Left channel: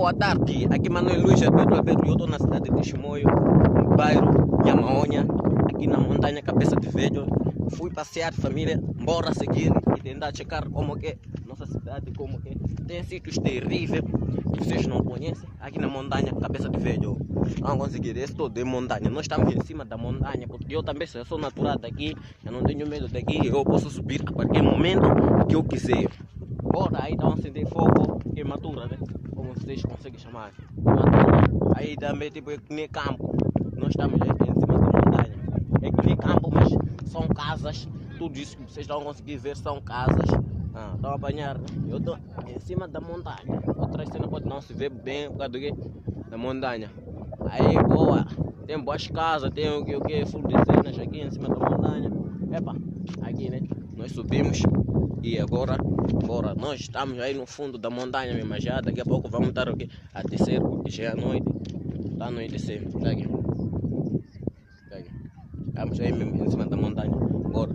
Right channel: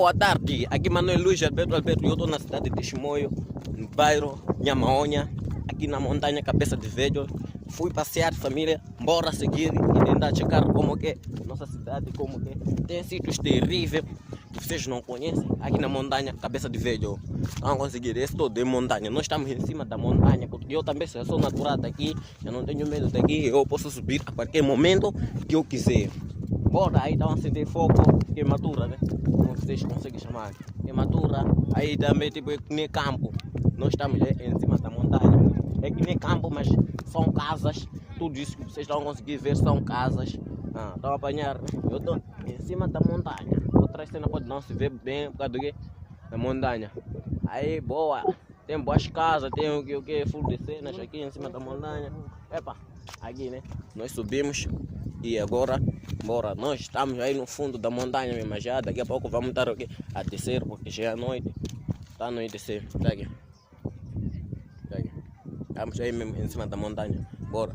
Boa tarde, aqui Manuel Luiz Alberto, eu estou na cidade de Chimoio, no bairro Nhamaonha, aqui na montanha Cabeça de Velho. Fui passear família, bora seguir e tentar checar como que é nossa cidade, como que tem sítios terríveis que vocês não conhecem, aqui na montanha Cabeça de Velho. Vamos conseguir, esse todo é montanha, nós estamos em cima da montanha, porque eu também sou natural daqui, eu não tenho medo daqui, eu posso subir a qualquer momento que eu quiser. Bora, aí não acender fogo, queimadura, né? Como vocês conseguem chamar, queimadura. Aí também tipo é que nem campo, nós estamos aqui em cima da montanha, é que nem campo, mas são casas, tudo isso que vocês vão conseguir ver são casas. Estão a apanhar, eu estou em cima da montanha, outra cena pode não se ver bem por causa da montanha. Aí boa, tem boas casas, tem o que, full de cenas aqui em cima da montanha. Epa, aqui né, nós subimos. E agora, bora, nós estamos aí no fundo da montanha mesmo, já daqui a pouco vamos estar aqui a descer, porque já é noite, está a anoitecer, tá aqui. Estamos aí mesmo em cima da montanha, bora.